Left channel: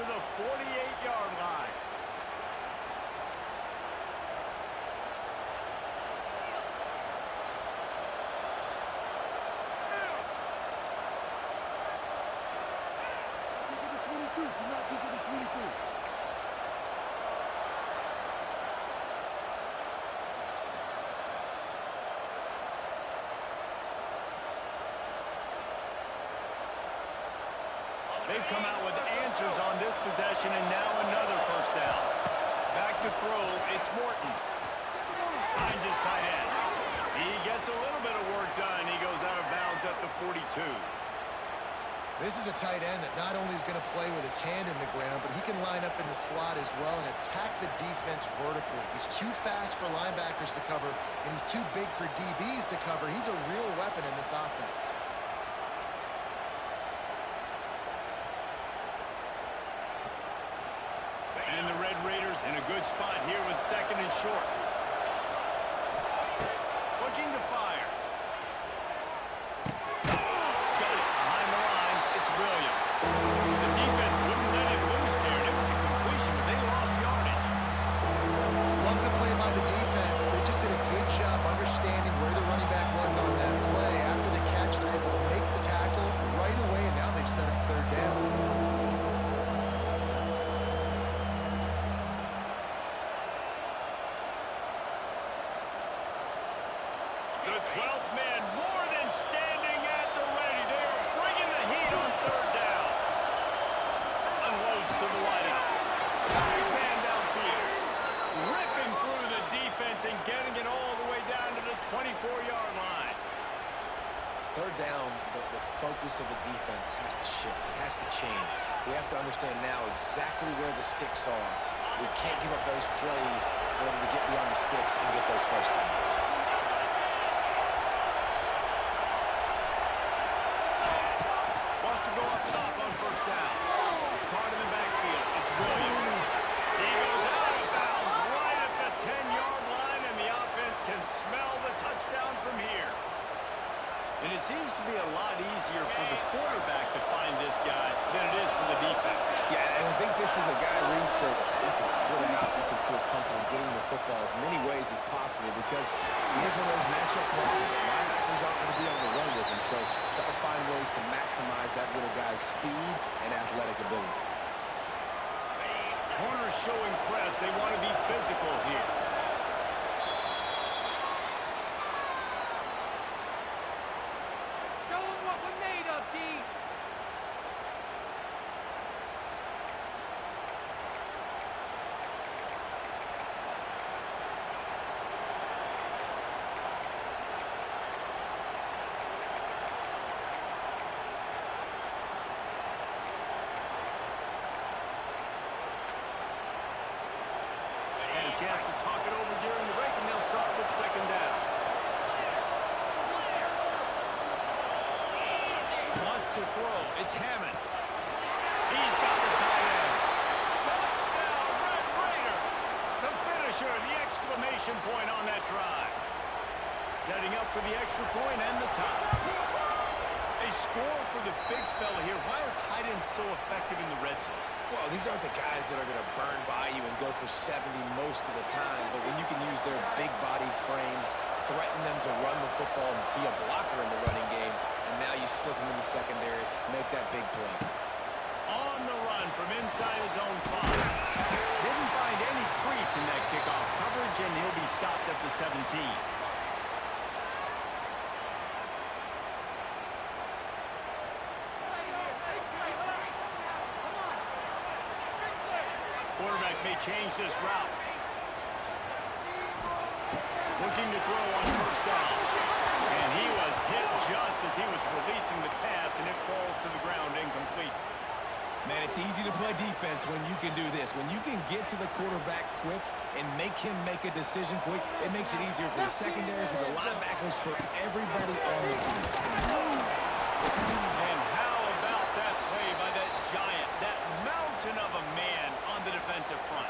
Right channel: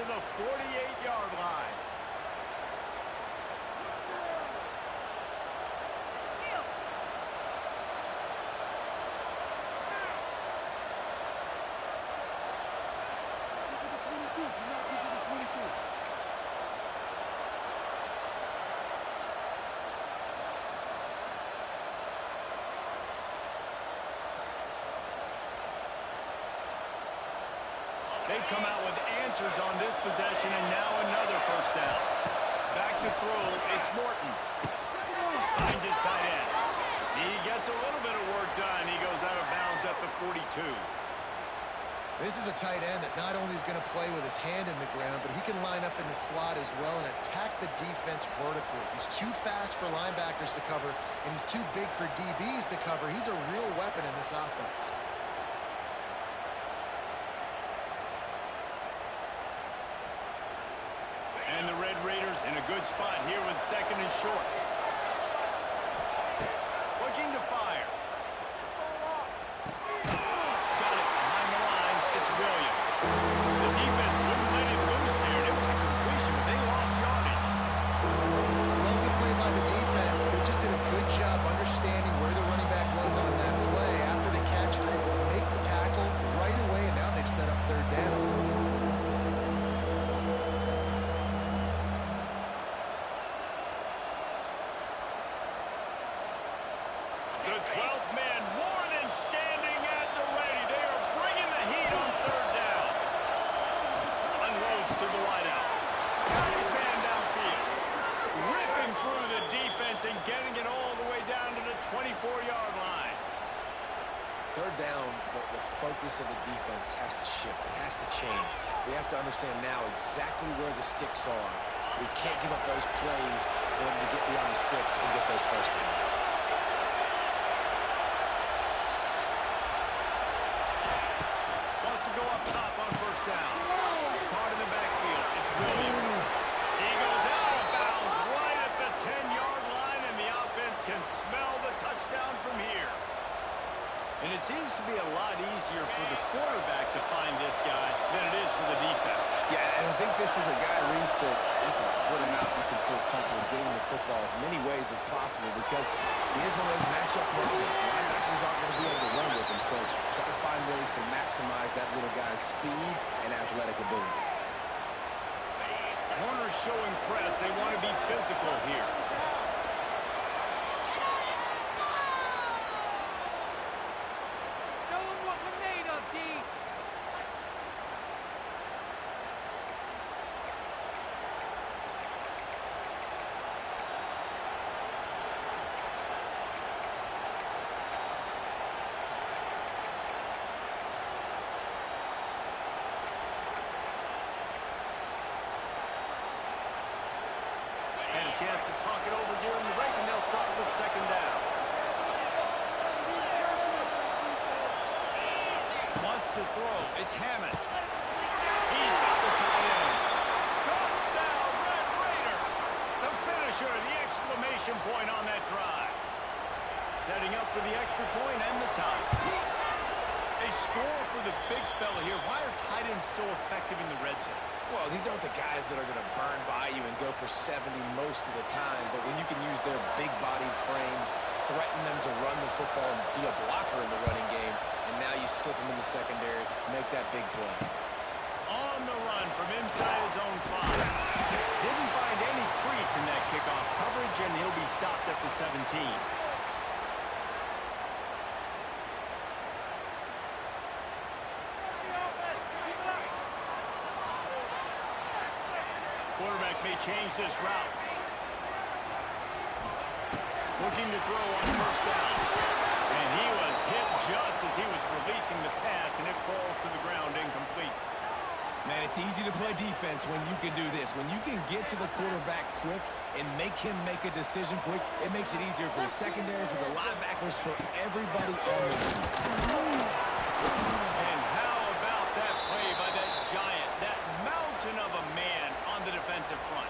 to the 48-yard line. Do not kick it to 22. They've come out with answers on this possession, and now another first down. Back to throw, it's Morton. Finds his tight end. He gets a little bit of work done. He goes out of bounds at the 42. This is a tight end that not only is going to play with his hand in the ground, but he can line up in the slot as well and attack the defense vertically. He's too fast for linebackers to cover, and he's too big for DBs to cover. He's a real weapon in this offense. And the Red Raiders in a good spot here with second and short. Looking to fire. Got it behind the line. It's Williams. The defense wouldn't let him loose there, and it was a completion, but they lost yardage. Love the play by the defense. They just did a good job understanding where the running back was on that play. After the catch, they're able to make the tackle right away, and now they've set up third down. The 12th man more than standing at the ready. They are bringing the heat on third down. Unloads to the wideout. Got his man downfield. Ripping through the defense and getting it all the way down to the 24-yard line. Third down, the focus of the defense has to shift. It has to change. We have to understand now exactly where the sticks are. We can't give up those plays for them to get beyond the sticks and get those first downs. Wants to go up top on first down. Caught in the backfield. It's Williams. He goes out of bounds right at the 10-yard line, and the offense can smell the touchdown from here. And it seems to be a lot easier for the quarterback to find this guy than it is for the defense. Yeah, and I think this is a guy, Reese, that you can split him out. You can feel comfortable getting the football as many ways as possible because he is one of those matchup problems. Linebackers aren't going to be able to run with him, so try to find ways to maximize that little guy's speed and athletic ability. Corners showing press. They want to be physical here. Show them what we're made of, D. Had a chance to talk it over during the break, and they'll start with second down. Wants to throw. It's Hammond. He's got the tight end. Touchdown, Red Raiders! The finisher, the exclamation point on that drive. Setting up for the extra point and the tie. They score for the big fella here. Why are tight ends so effective in the red zone? Well, these aren't the guys that are going to burn by you and go for 70 most of the time, but when you can use their big-bodied frames, threaten them to run the football and be a blocker in the running game, and now you slip them in the secondary, make that big play. On the run from inside his own 5. Didn't find any crease in that kickoff coverage, and he'll be stopped at the 17. Quarterback may change this route. Looking to throw on first down. And he was hit just as he was releasing the pass, and it falls to the ground incomplete. Man, it's easy to play defense when you can do this. When you can get to the quarterback quick and make him make a decision quick, it makes it easier for the secondary, for the linebackers, for everybody on the team. And how about that play by that giant, that mountain of a man on the defensive front?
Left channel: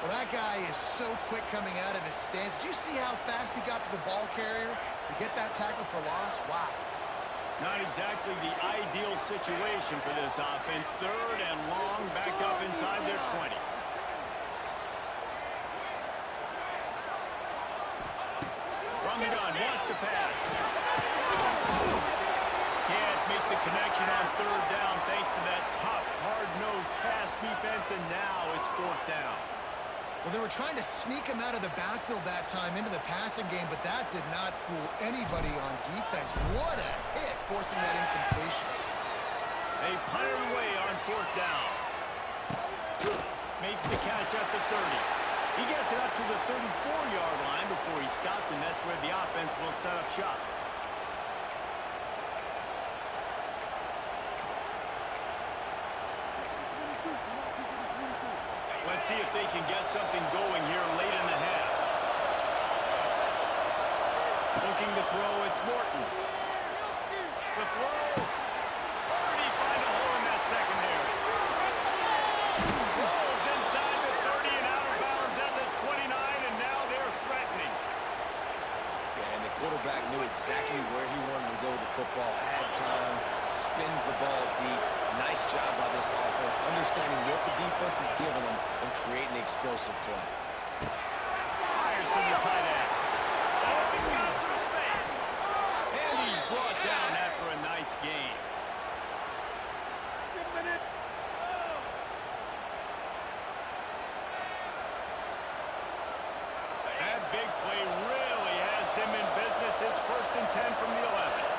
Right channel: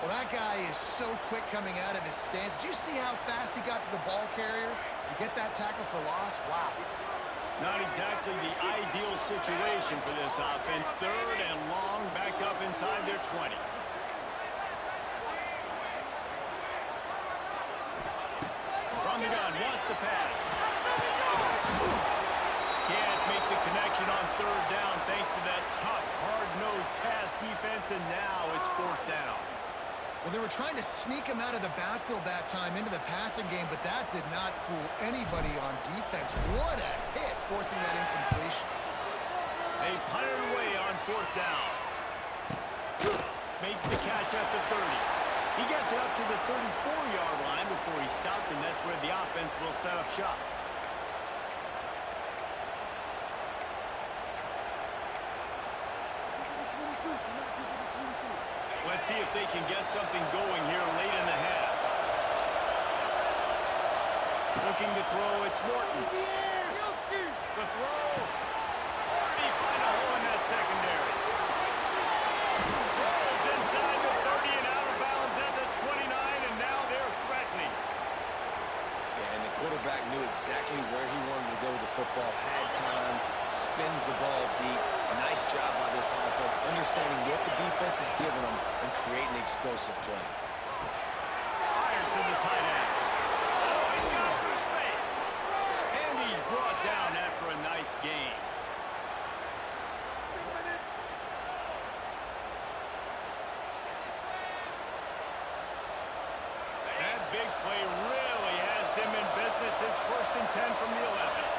Well, that guy is so quick coming out of his stance. Did you see how fast he got to the ball carrier to get that tackle for loss? Wow. Not exactly the ideal situation for this offense. 3rd and long, back up inside their 20. From the gun, wants to pass. Can't make the connection on 3rd down thanks to that tough, hard-nosed pass defense, and now it's 4th down. Well, they were trying to sneak him out of the backfield that time into the passing game, but that did not fool anybody on defense. What a hit, forcing that incompletion. They punted away on 4th down. Makes the catch at the 30. He gets it up to the 34-yard line before he stopped, and that's where the offense will set up shop. Let's see if they can get something going here late in the half. Looking to throw, it's Morton. The throw. Or did he find a hole in that secondary? Rolls inside the 30 and out of bounds at the 29, and now they're threatening. Yeah, and the quarterback knew exactly where he wanted to go with the football, had time, spins the ball deep. Nice job by this offense, understanding what the defense is giving them and creating the explosive play. Fires to the tight end. Oh, he's got some space. And he's brought down after a nice game. That big play really has them in business. It's 1st and 10 from the 11.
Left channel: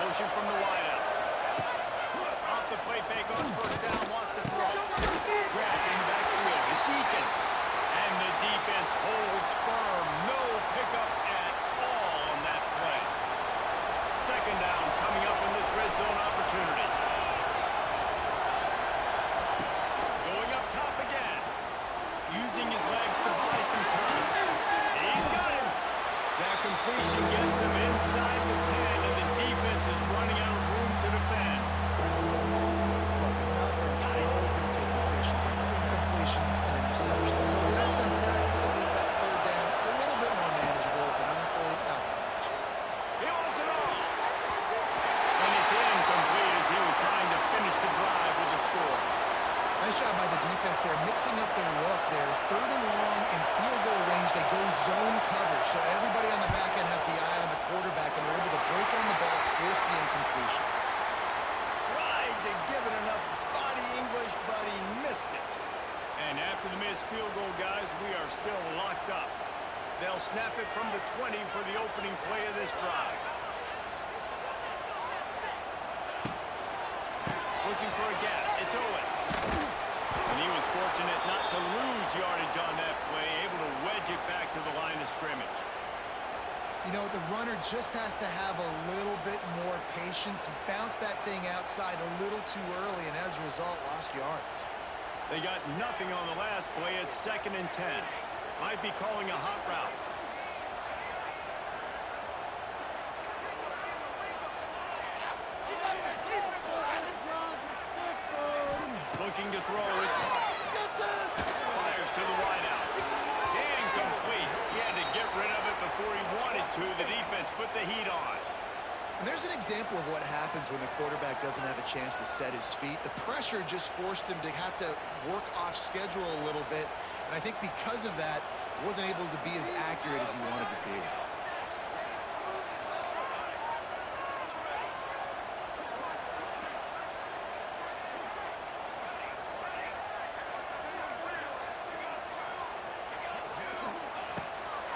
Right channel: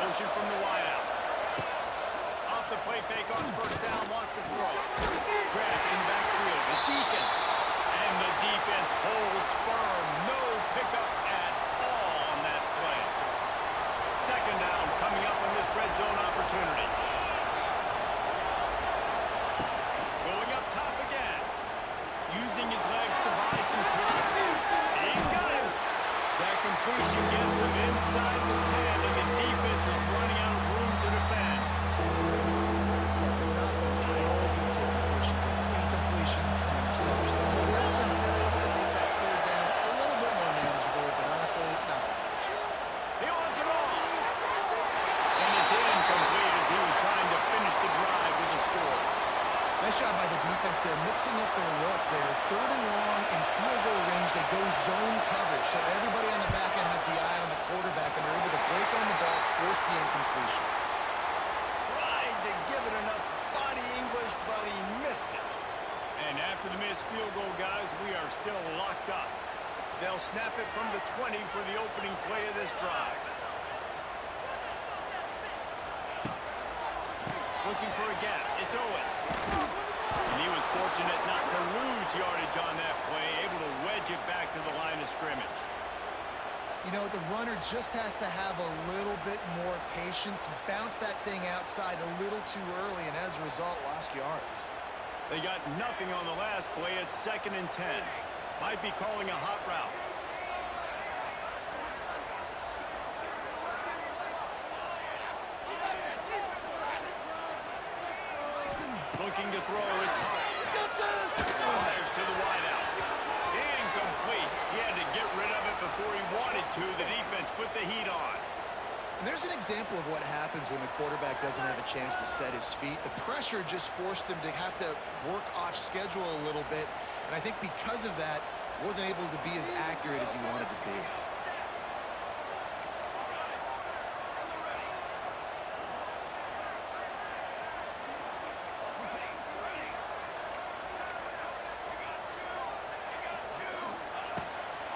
Motion from the wideout. Off the play fake on 1st down, wants to throw. Grab in the backfield. It's Eakin. And the defense holds firm. No pickup at all on that play. 2nd down coming up on this red zone opportunity. Going up top again. Using his legs to buy some time. He's got him. That completion gets them inside the 10, and the defense is running out of room to defend. Look, as an offense, we're always going to take completions over incompletions and interceptions. So the offense, they're able to make that 3rd down a little bit more manageable, but honestly, not that much. He wants it all. And it's incomplete as he was trying to finish the drive with a score. Nice job by the defense. They're mixing up their look. They're 3rd and long in field goal range. They go zone coverage. So everybody on the back end has the eye on the quarterback, and they're able to break on the ball, force the incompletion. Tried to give it enough body English, but he missed it. And after the missed field goal, guys, we are still locked up. They'll snap it from the 20 for the opening play of this drive. Looking for a gap. It's Owens. And he was fortunate not to lose yardage on that play, able to wedge it back to the line of scrimmage. You know, the runner just has to have a little bit more patience. He bounced that thing outside a little too early, and as a result, lost yards. They got nothing on the last play. It's 2nd and 10. Might be calling a hot route. Looking to throw, it's Hart. Fires to the wideout. Incomplete. He had to get rid of it before he wanted to. The defense put the heat on. And there's an example of what happens when the quarterback doesn't have a chance to set his feet. The pressure just forced him to have to work off schedule a little bit. And I think because of that, wasn't able to be as accurate as he wanted to be.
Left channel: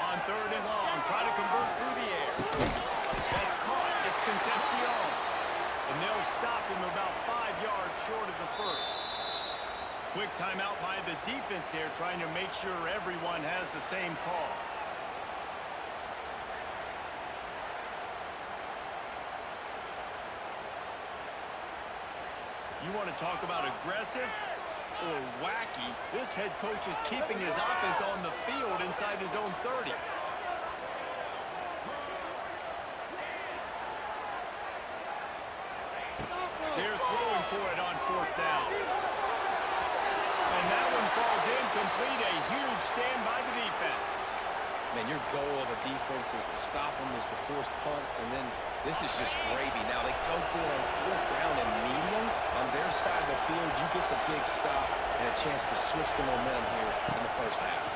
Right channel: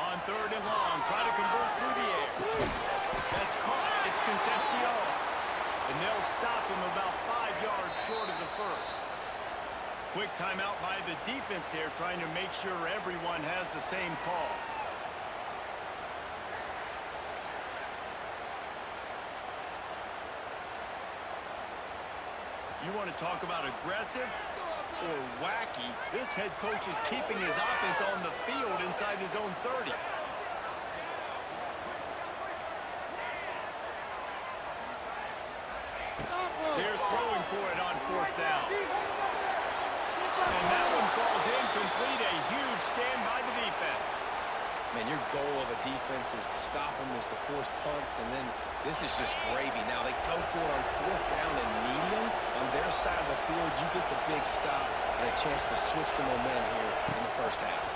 On 3rd and long, try to convert through the air. That's caught. It's Concepcion. And they'll stop him about 5 yards short of the 1st. Quick timeout by the defense there, trying to make sure everyone has the same call. You want to talk about aggressive or wacky? This head coach is keeping his offense on the field inside his own 30. They're throwing for it on 4th down. And that one falls incomplete. A huge stand by the defense. Man, your goal of a defense is to stop them, is to force punts, and then this is just gravy. Now, they go for it on 4th down and medium. On their side of the field, you get the big stop and a chance to switch the momentum here in the first half.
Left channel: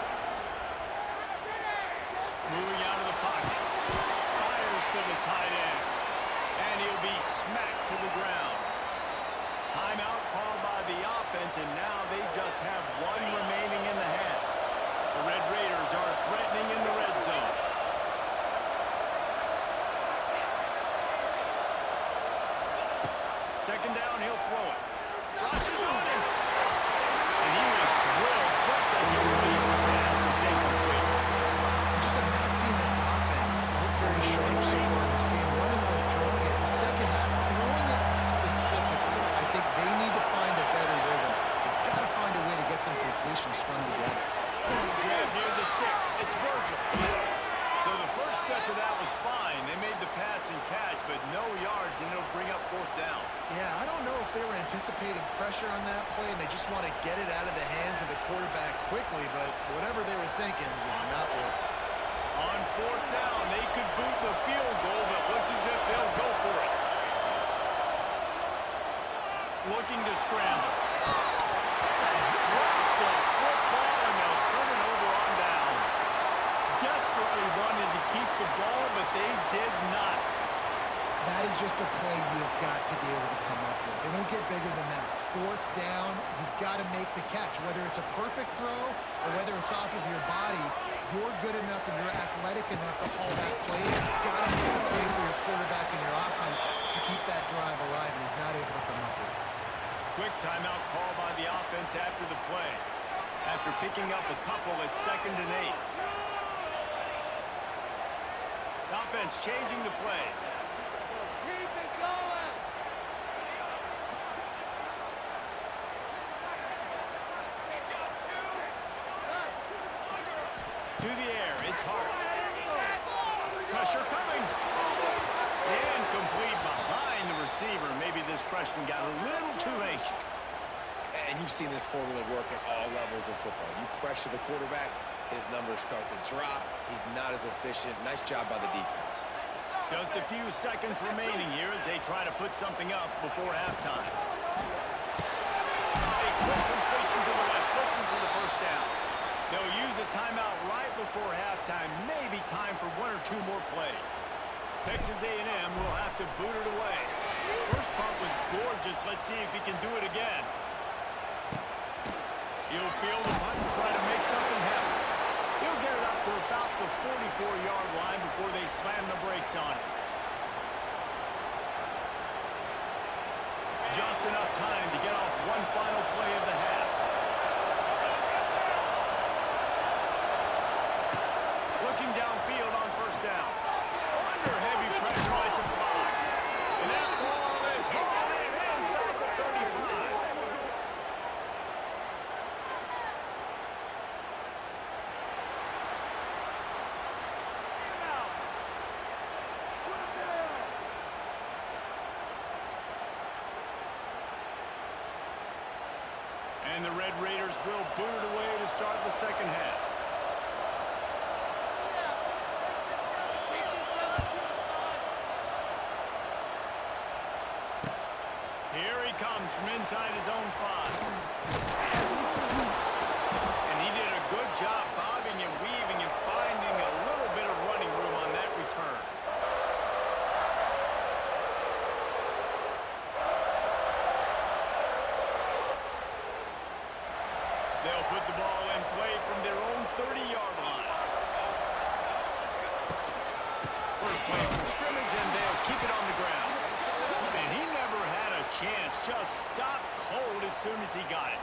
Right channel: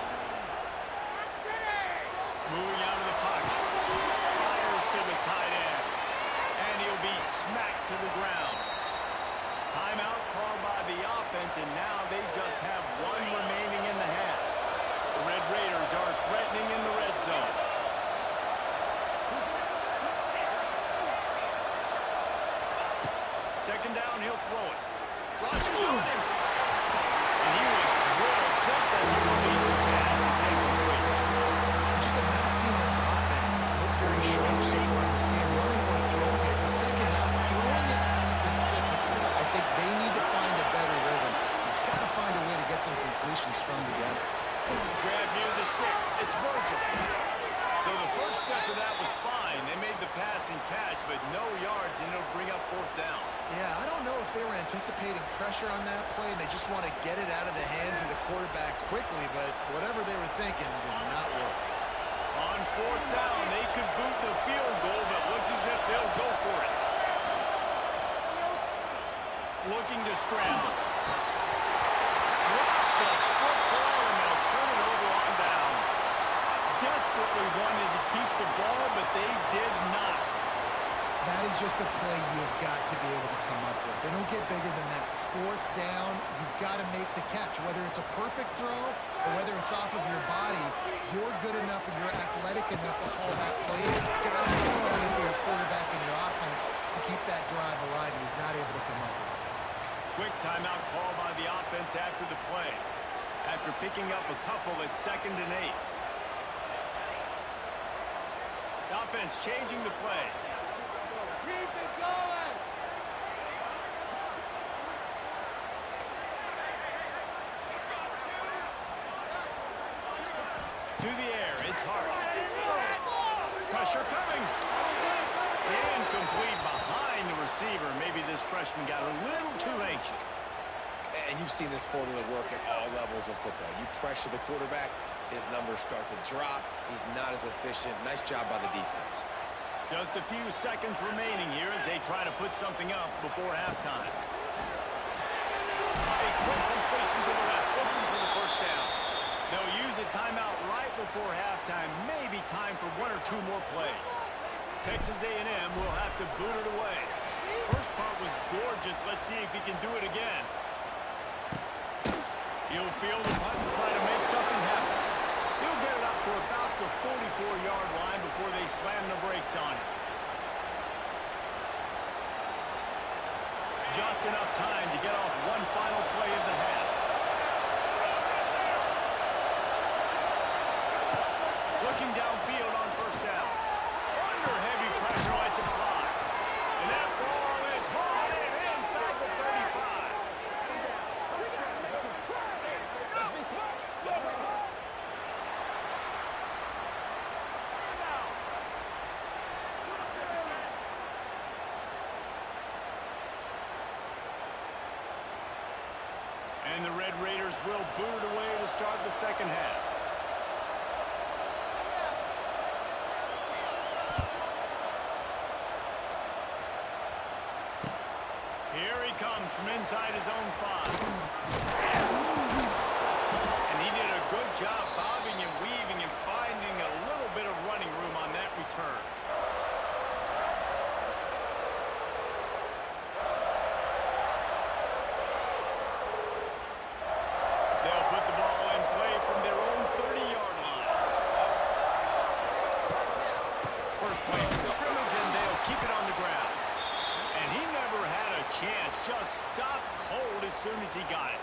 Moving out of the pocket. Fires to the tight end. And he'll be smacked to the ground. Timeout called by the offense, and now they just have one remaining in the half. The Red Raiders are threatening in the red zone. Second down, he'll throw it. Rushes on him. And he was drilled just as he released the pass. It's incomplete. You just have not seen this offense look very sharp so far in this game, running or throwing it. The second half, throwing it specifically, I think they need to find a better rhythm. You've got to find a way to get some completions strung together. Grab near the sticks. It's Virgil. So the first step of that was fine. They made the pass and catch, but no yards, and it'll bring up 4th down. Yeah, I don't know if they were anticipating pressure on that play, and they just want to get it out of the hands of the quarterback quickly, but whatever they were thinking did not work. On 4th down, they could boot the field goal, but looks as if they'll go for it. Looking to scramble. Drop the football, and they'll turn it over on downs. Desperately wanted to keep the ball, but they did not. That is just a play you have got to be able to come up with. They don't get bigger than that. 4th down, you've got to make the catch. Whether it's a perfect throw or whether it's off of your body, you're good enough and you're athletic enough to haul that play. You've got to make a way for your quarterback and your offense to keep that drive alive, and he's not able to come up with it. Quick timeout call by the offense after the play. After picking up a couple, it's 2nd and 8. The offense changing the play. Keep it going. To the air, it's Hart. Pressure coming. Incomplete behind the receiver. Maybe this freshman got a little too anxious. And you've seen this formula work at all levels of football. You pressure the quarterback, his numbers start to drop. He's not as efficient. Nice job by the defense. Just a few seconds remaining here as they try to put something up before halftime. A quick completion to the left, looking for the first down. They'll use a timeout right before halftime. Maybe time for 1 or 2 more plays. Texas A&M will have to boot it away. First punt was gorgeous. Let's see if he can do it again. He'll field the punt and try to make something happen. He'll get it up to about the 44-yard line before they slam the brakes on it. Just enough time to get off one final play of the half. Looking downfield on first down. Under heavy pressure, lets it fly. And that ball is hauled in inside the 35. And the Red Raiders will boot it away to start the second half. Here he comes from inside his own 5. And he did a good job bobbing and weaving and finding a little bit of running room on that return. They'll put the ball in play from their own 30-yard line. First play from scrimmage, and they'll keep it on the ground. And he never had a chance. Just stopped cold as soon as he got it.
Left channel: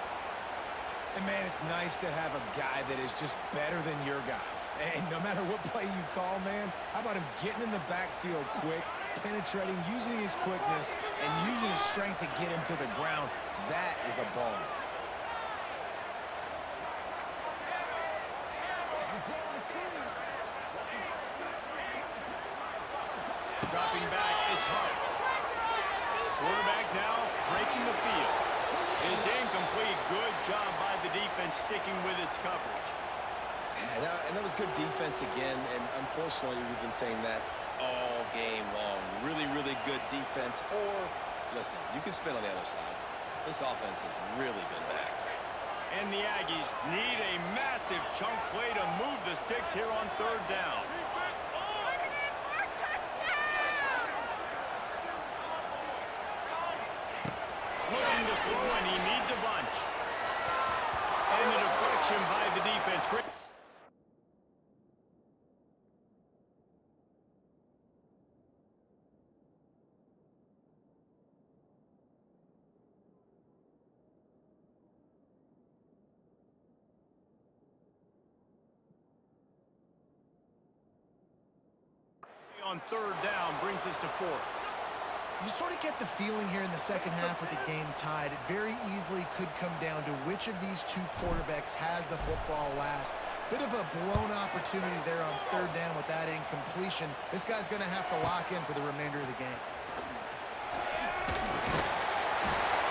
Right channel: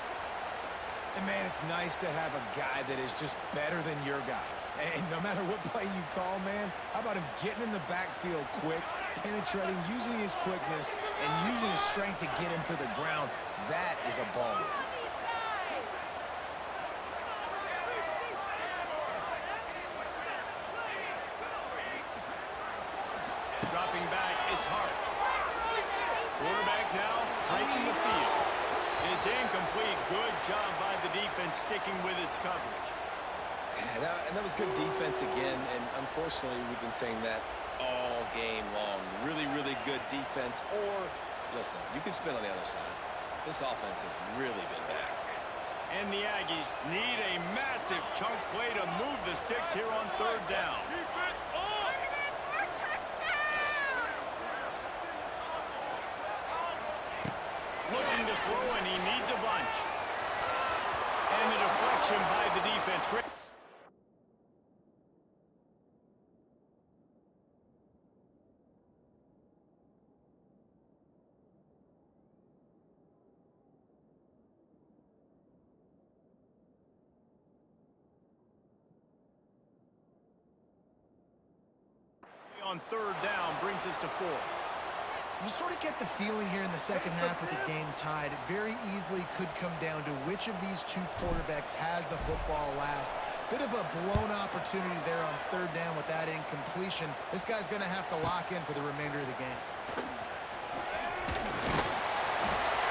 And, man, it's nice to have a guy that is just better than your guys. And no matter what play you call, man, how about him getting in the backfield quick, penetrating, using his quickness, and using his strength to get him to the ground? That is a baller. Dropping back, it's Hart. Quarterback now breaking the field. It's incomplete. Good job by the defense sticking with its coverage. And that was good defense again, and unfortunately, we've been saying that all game long. Really, really good defense, or, listen, you can spin on the other side. This offense has really been bad. And the Aggies need a massive chunk play to move the sticks here on third down. Looking to throw, and he needs a bunch. And the deflection by the defense. Great. On third down brings us to fourth. You sort of get the feeling here in the second half with the game tied. It very easily could come down to which of these two quarterbacks has the football last. Bit of a blown opportunity there on third down with that incompletion. This guy's going to have to lock in for the remainder of the game.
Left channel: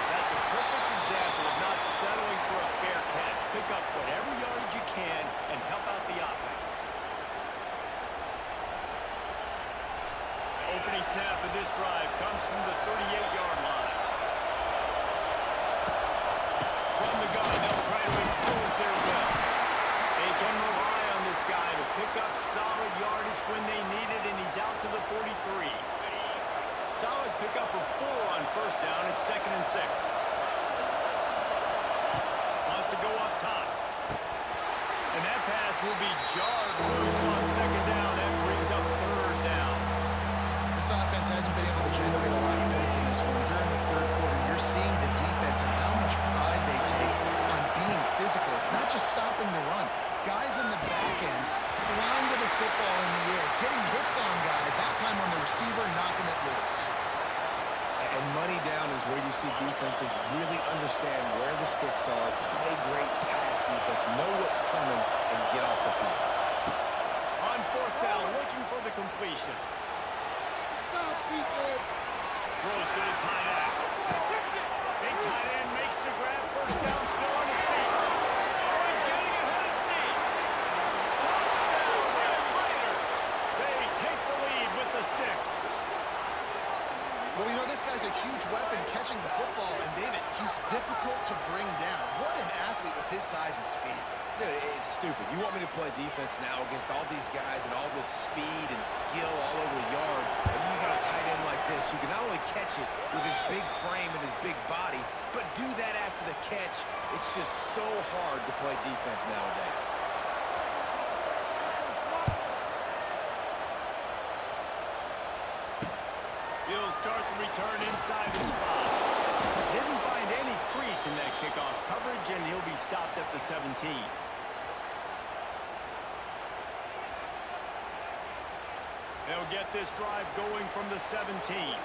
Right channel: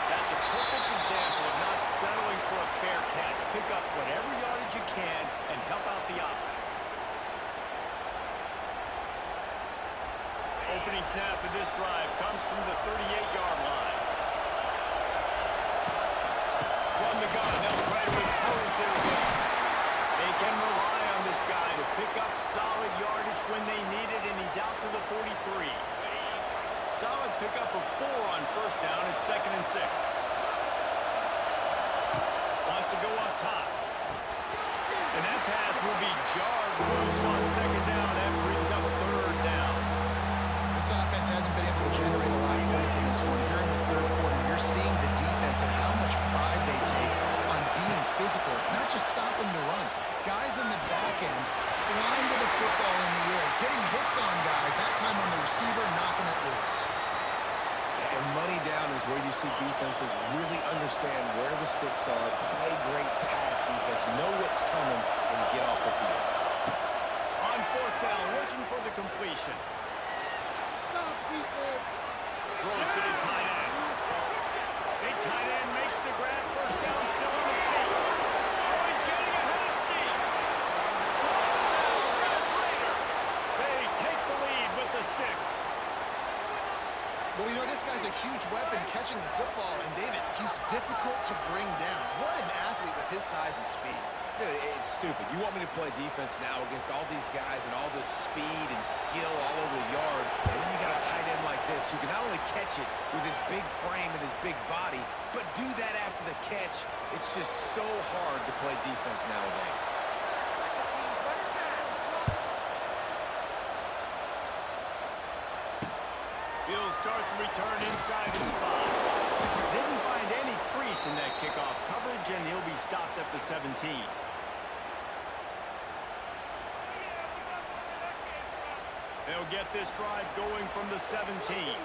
That's a perfect example of not settling for a fair catch. Pick up whatever yardage you can and help out the offense. Opening snap of this drive comes from the 38-yard line. From the gun, they'll try to impose their will. They can rely on this guy to pick up solid yardage when they need it, and he's out to the 43. Solid pickup of 4 on first down. It's 2nd and 6. Wants to go up top. And that pass will be jarred loose on 2nd down. That brings up third down. This offense hasn't been able to generate a lot of points in this one. Here in the third quarter, you're seeing the defense and how much pride they take on being physical. It's not just stopping the run. Guys in the back end flying to the football in the air, getting hits on guys, that time on the receiver, knocking it loose. And money down is where you see defenses really understand where the sticks are, play great pass defense, know what's coming, and get off the field. On fourth down, looking for the completion. Stop, defense! Throws to the tight end. Big tight end makes the grab. First down, still on his feet. Oh, he's getting ahead of steam. Touchdown, Red Raiders. They take the lead with the 6. Well, you know, this guy's a huge weapon catching the football, and David, he's difficult to bring down. What an athlete with his size and speed. Dude, it's stupid. You want me to play defense now against all these guys and all this speed and skill all over the yard, and then you got a tight end like this who can not only catch it with his big frame and his big body, but do that after the catch. It's just so hard to play defense nowadays. He'll start the return inside his 5. Didn't find any crease in that kickoff coverage, and he'll be stopped at the 17. They'll get this drive going from the 17. Come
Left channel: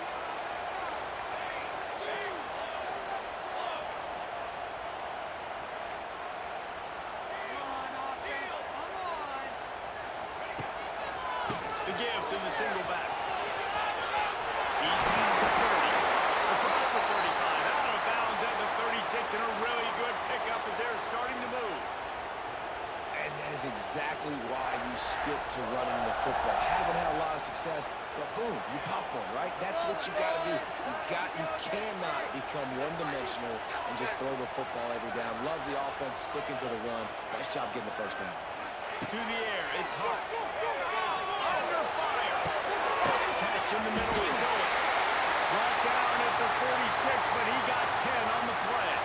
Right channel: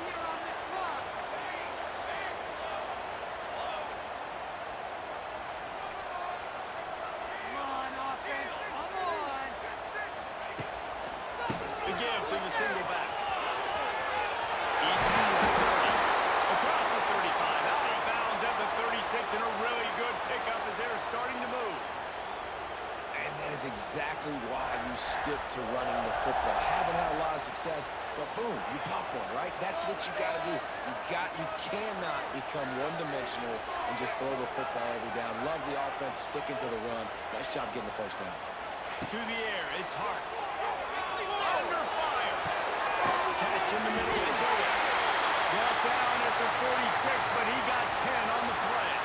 on, offense, come on! The give to the single back. He's past the 30. Across the 35. Out of bounds at the 36. And a really good pickup as they're starting to move. And that is exactly why you stick to running the football. Haven't had a lot of success, but boom, you pop one, right? That's what you got to do. You cannot become one-dimensional and just throw the football every down. Love the offense sticking to the run. Nice job getting the first down. To the air, it's Hart. Under fire. Catch in the middle, it's Owens. Brought down at the 46, but he got 10 on the play.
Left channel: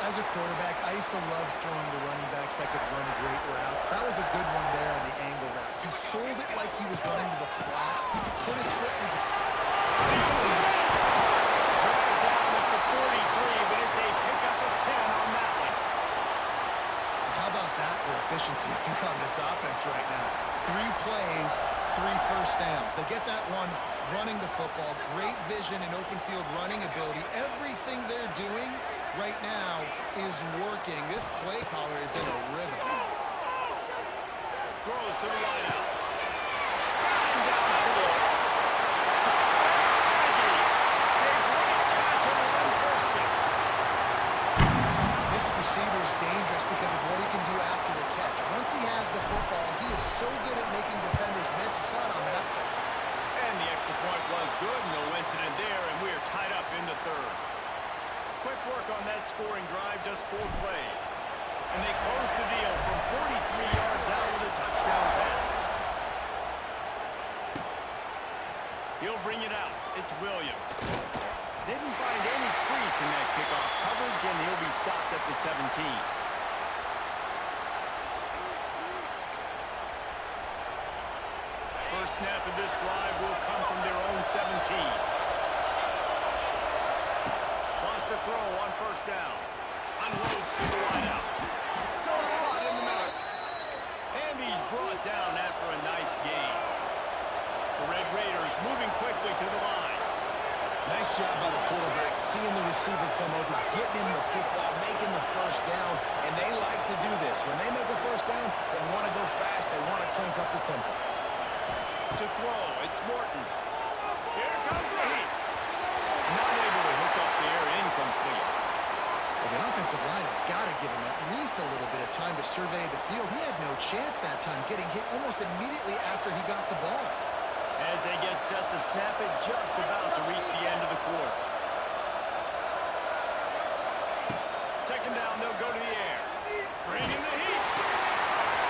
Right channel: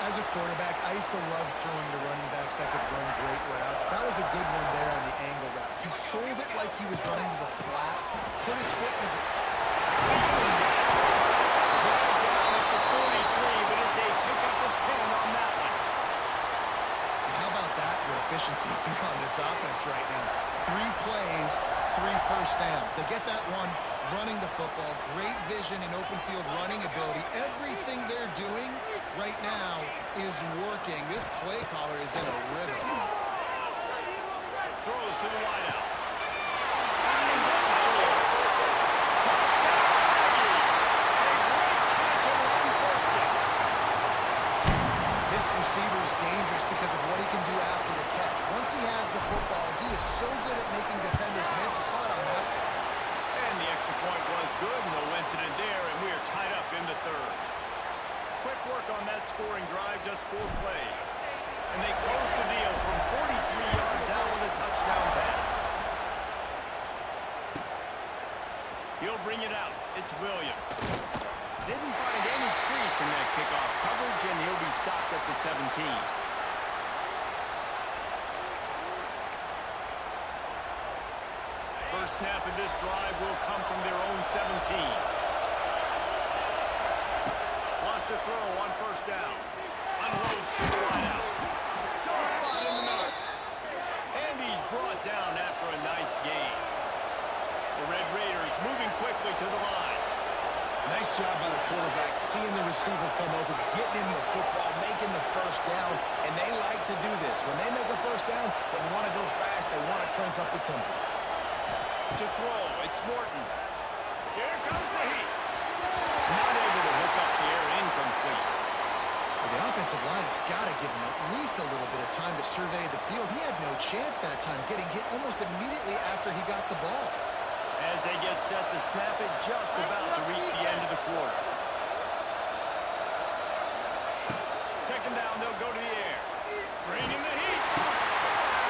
As a quarterback, I used to love throwing to running backs that could run great routes. That was a good one there on the angle route. He sold it like he was running to the flat, put his foot in the... Dragged down at the 43, but it's a pickup of 10 on that one. How about that for efficiency if you're on this offense right now? 3 plays, 3 first downs. They get that one running the football, great vision and open field running ability. Everything they're doing right now is working. This play caller is in a rhythm. Throws to the wideout. Got him downfield. Touchdown, Aggies. A great catch and run for 6. This receiver is dangerous because of what he can do after the catch. Once he has the football, he is so good at making defenders miss. You saw it on that play. And the extra point was good. No incident there, and we are tied up in the third. Quick work on that scoring drive, just 4 plays. And they close the deal from 43 yards out with a touchdown pass. He'll bring it out. It's Williams. Didn't find any crease in that kickoff coverage, and he'll be stopped at the 17. First snap of this drive will come from their own 17. Wants to throw on first down. Unloads to the wideout. So a spot in the middle. And he's brought down after a nice gain. The Red Raiders moving quickly to the line. Nice job by the quarterback, seeing the receiver come open, getting him the football, making the first down, and they like to do this. When they make a first down, they want to go fast, they want to crank up the tempo. To throw, it's Morton. Here comes the heat. Not able to hook up there, incomplete. Well, the offensive line has got to give him at least a little bit of time to survey the field. He had no chance that time, getting hit almost immediately after he got the ball. As they get set to snap it, just about to reach the end of the quarter. Second down, they'll go to the air. Bring in the heat.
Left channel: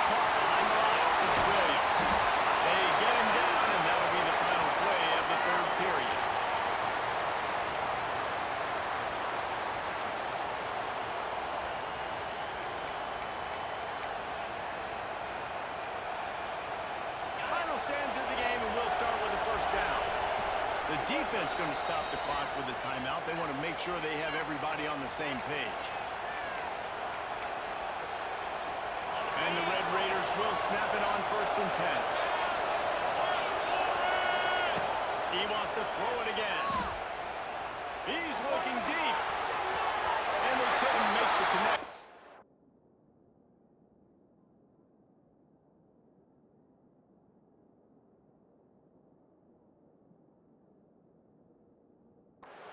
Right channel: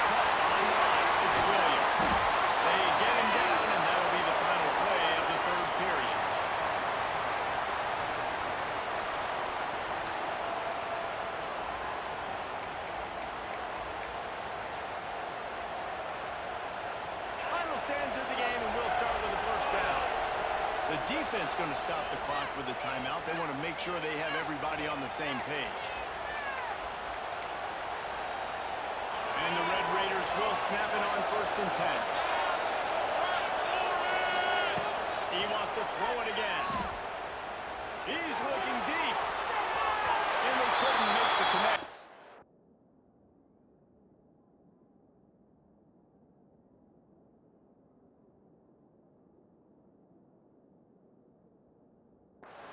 Caught behind the line. It's Williams. They get him down, and that'll be the final play of the third period. Final stands of the game, and we'll start with the first down. The defense going to stop the clock with a timeout. They want to make sure they have everybody on the same page. And the Red Raiders will snap it on first and 10. He wants to throw it again. He's looking deep. And they couldn't make the connect.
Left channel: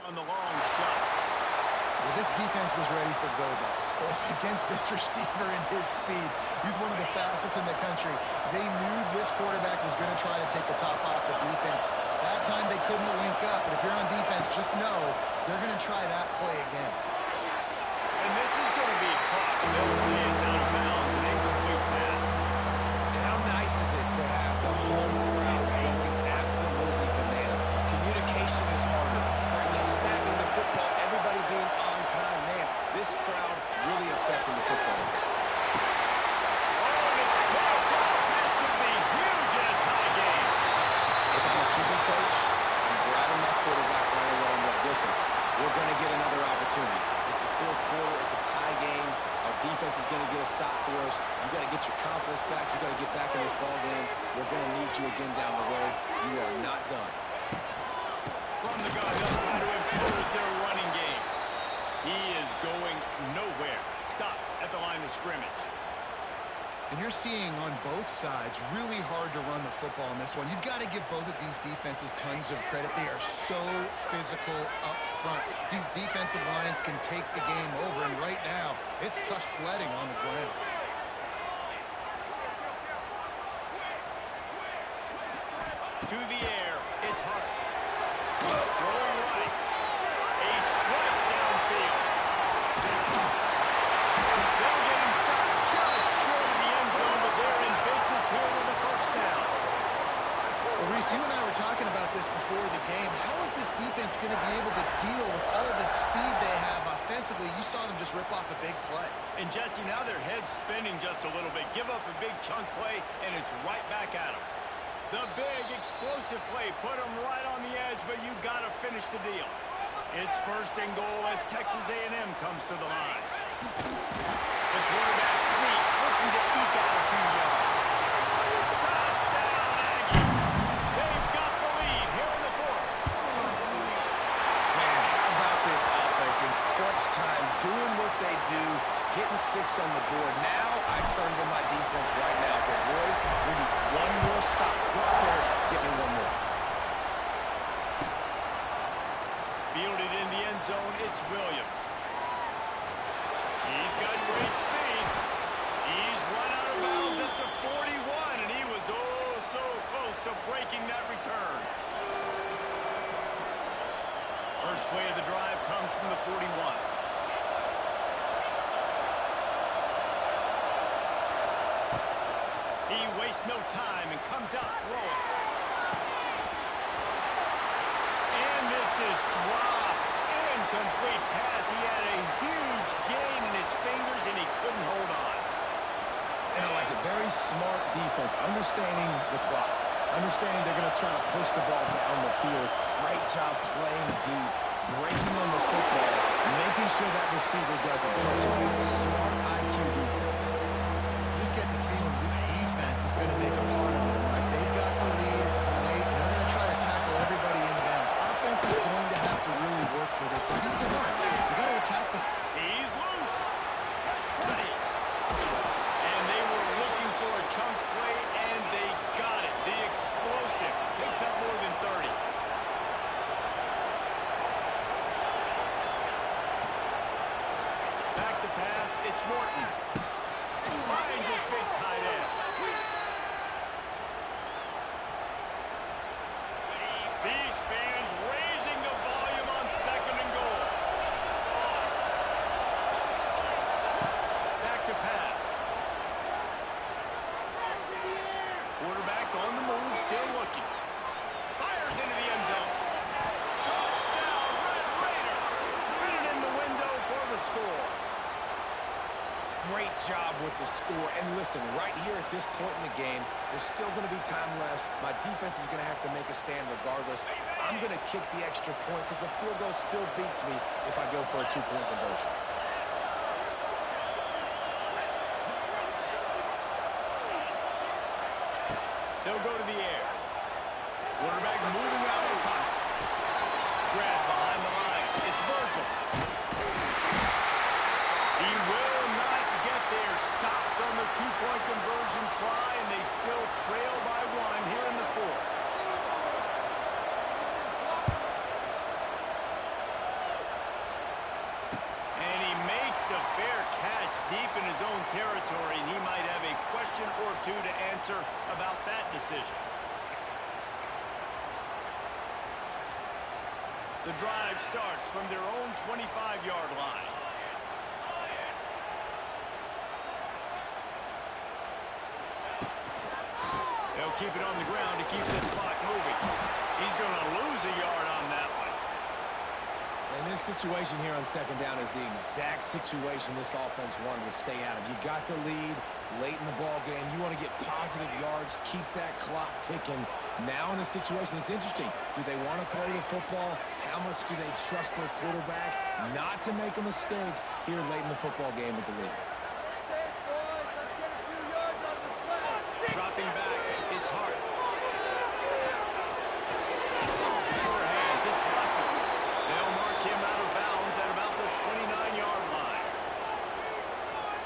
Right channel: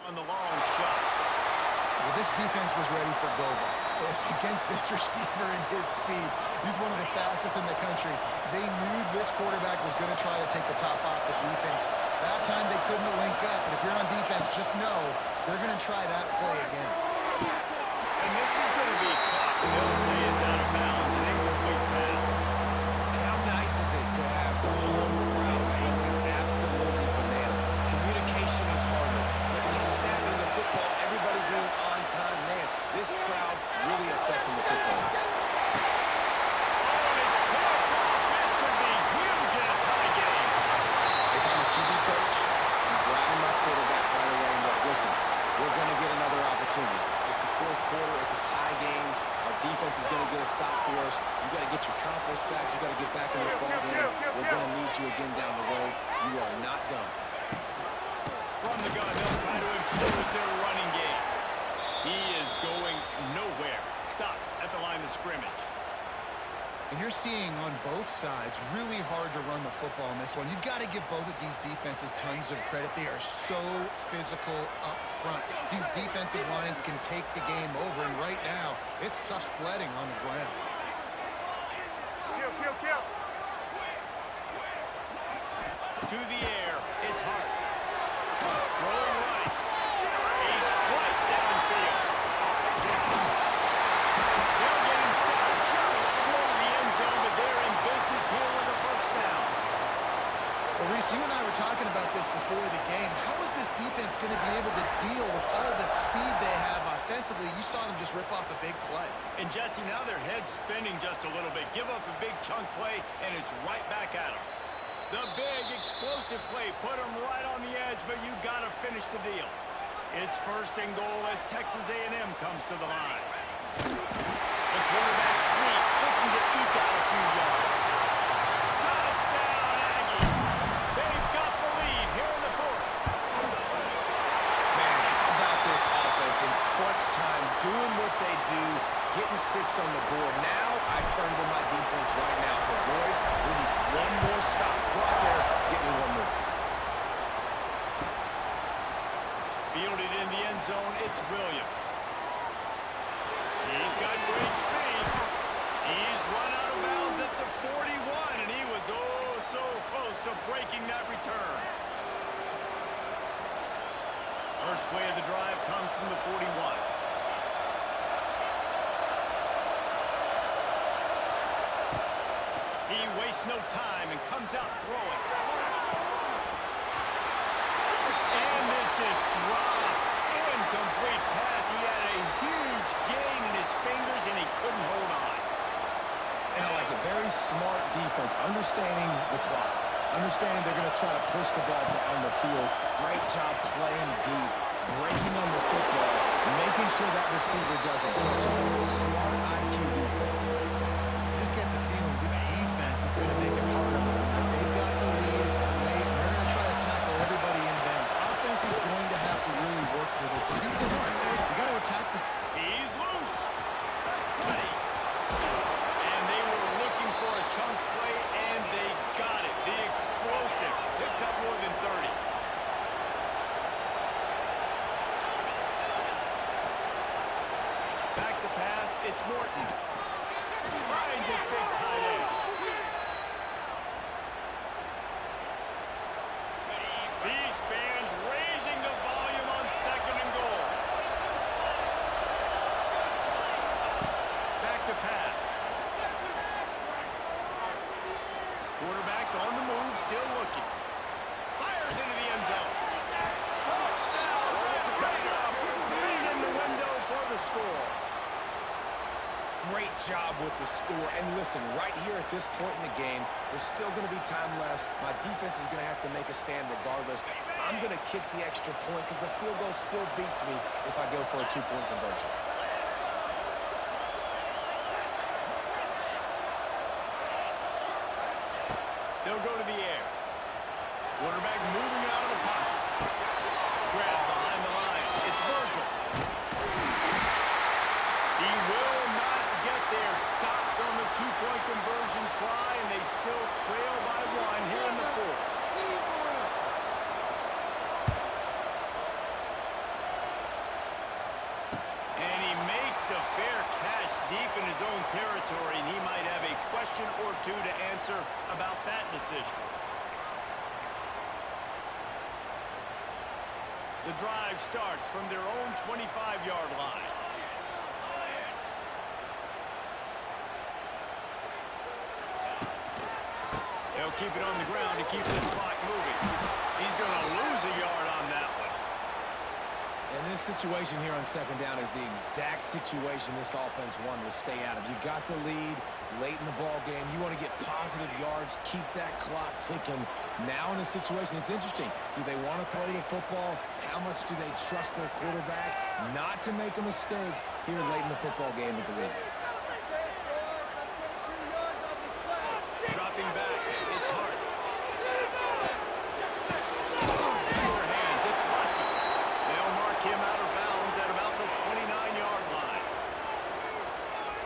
On the long shot. Well, this defense was ready for go balls. Against this receiver and his speed. He's one of the fastest in the country. They knew this quarterback was going to try to take the top off the defense. That time they couldn't link up, but if you're on defense, just know they're going to try that play again. And this is going to be caught, and they'll say it's out of bounds, an incomplete pass. And how nice is it to have the home crowd going absolutely bananas? Communication is harder, but when snapping the football, everybody being on time, man, this crowd really affecting the football. Oh, and it's picked off. This could be huge in a tie game. If I'm a QB coach, I'm grabbing my quarterback right away and be like, listen, we're going to get another opportunity. It's the fourth quarter. It's a tie game. Our defense is going to get a stop for us. You got to get your confidence back. You got to get back in this ball game. We're going to need you again down the road. You are not done. From the gun, they'll try to impose their running game. He is going nowhere. Stop at the line of scrimmage. And you're seeing on both sides really hard to run the football in this one. You've got to give both of these defenses tons of credit. They are so physical up front. These defensive lines can take the game over, and right now, it's tough sledding on the ground. To the air, it's Hart. Throwing right. A strike downfield. They'll get him stopped just short of the end zone, but they're in business here with a first down. Well, Reese, you and I were talking about this before the game. How is this defense going to be able to deal with all the speed they have offensively? You saw them just rip off a big play. And Jesse, now their head's spinning just a little bit. Give up a big chunk play, and it's right back at them. The big explosive play put them right on the edge, but you got to finish the deal. It's first and goal as Texas A&M comes to the line. The quarterback sneak, looking to eke out a few yards. Touchdown, Aggie. They've got the lead here in the fourth. Man, how about this offense in crunch time, doing what they do, getting 6 on the board. Now I turn to my defense right now. I said, boys, we need one more stop. Go out there, get me one more. Fielded in the end zone, it's Williams. He's got great speed. He's run out of bounds at the 41, and he was oh so close to breaking that return. First play of the drive comes from the 41. He wastes no time and comes out throwing. And this is dropped. Incomplete pass. He had a huge gain in his fingers, and he couldn't hold on. And I like it. Very smart defense, understanding the clock, understanding they're going to try to push the ball down the field. Great job playing deep, breaking on the football, making sure that receiver doesn't catch it. Smart IQ defense. You just get the feeling this defense is going to make it hard on them, right? They've got the lead. It's late. And they're going to try to tackle everybody in bounds. Offense is going to have to really work for this. Be smart. You got to attack this. He's loose. At 20. And they were looking for a chunk play, and they got it. The explosive picks up more than 30. Back to pass. It's Morton. Finds his big tight end. These fans raising the volume on 2nd and goal. Back to pass. Quarterback on the move, still looking. Fires into the end zone. Touchdown, Red Raider. Fitted in the window for the score. Great job with the score. And listen, right here at this point in the game, there's still going to be time left. My defense is going to have to make a stand regardless. I'm going to kick the extra point because the field goal still beats me if I go for a 2-point conversion. They'll go to the air. Quarterback moving out of the pocket. Grab behind the line. It's Virgil. He will not get there. Stopped on the 2-point conversion try, and they still trail by 1 here in the 4th. And he makes the fair catch deep in his own territory, and he might have a question or two to answer about that decision. The drive starts from their own 25-yard line. They'll keep it on the ground to keep this clock moving. He's going to lose a yard on that one. And this situation here on 2nd down is the exact situation this offense wanted to stay out of. You got the lead late in the ball game. You want to get positive yards, keep that clock ticking. Now in a situation, it's interesting. Do they want to throw the football? How much do they trust their quarterback not to make a mistake here late in the football game with the lead? Dropping back, it's Hart. Sure hands, it's Bussey. They'll mark him out of bounds at about the 29-yard line.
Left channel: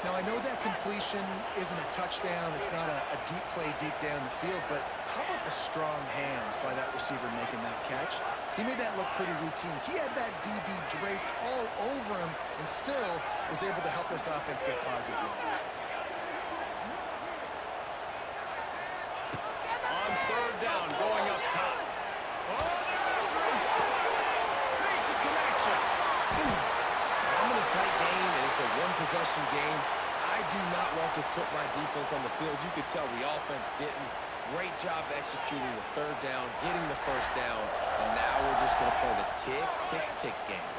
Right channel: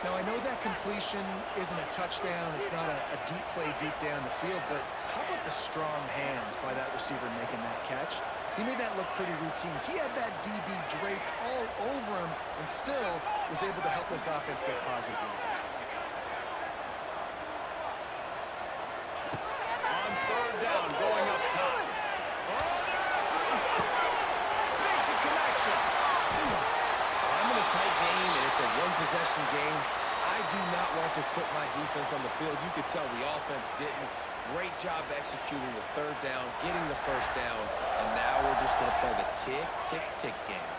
Now, I know that completion isn't a touchdown. It's not a deep play deep down the field, but how about the strong hands by that receiver making that catch? He made that look pretty routine. He had that DB draped all over him and still was able to help this offense get positive yards. On 3rd down, going up top. Oh, they're after him. Makes a connection. I'm in a tight game, and it's a one-possession game. I do not want to put my defense on the field. You could tell the offense didn't. Great job executing the 3rd down, getting the 1st down, and now we're just going to play the tick, tick, tick game.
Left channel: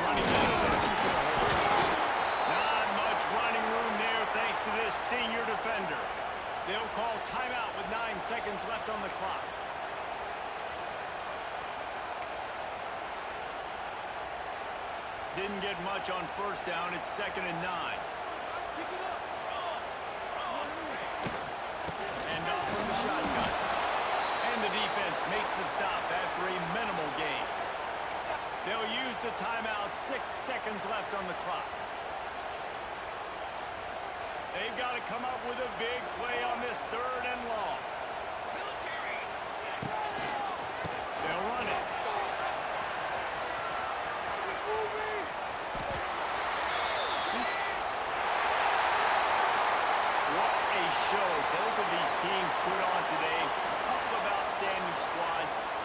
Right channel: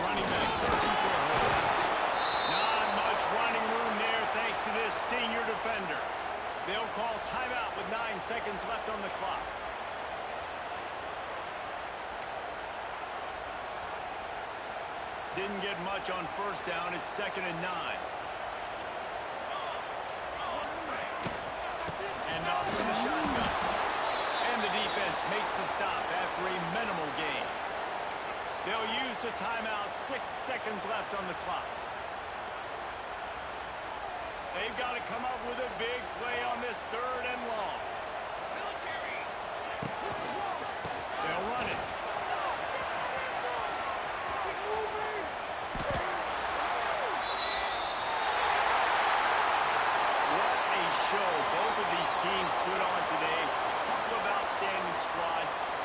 Running back searching for a hole. Not much running room there thanks to this senior defender. They'll call timeout with 9 seconds left on the clock. Didn't get much on 1st down. It's 2nd and 9. And off from the shotgun. And the defense makes the stop after a minimal gain. They'll use the timeout. 6 seconds left on the clock. They've got to come up with a big play on this 3rd and long.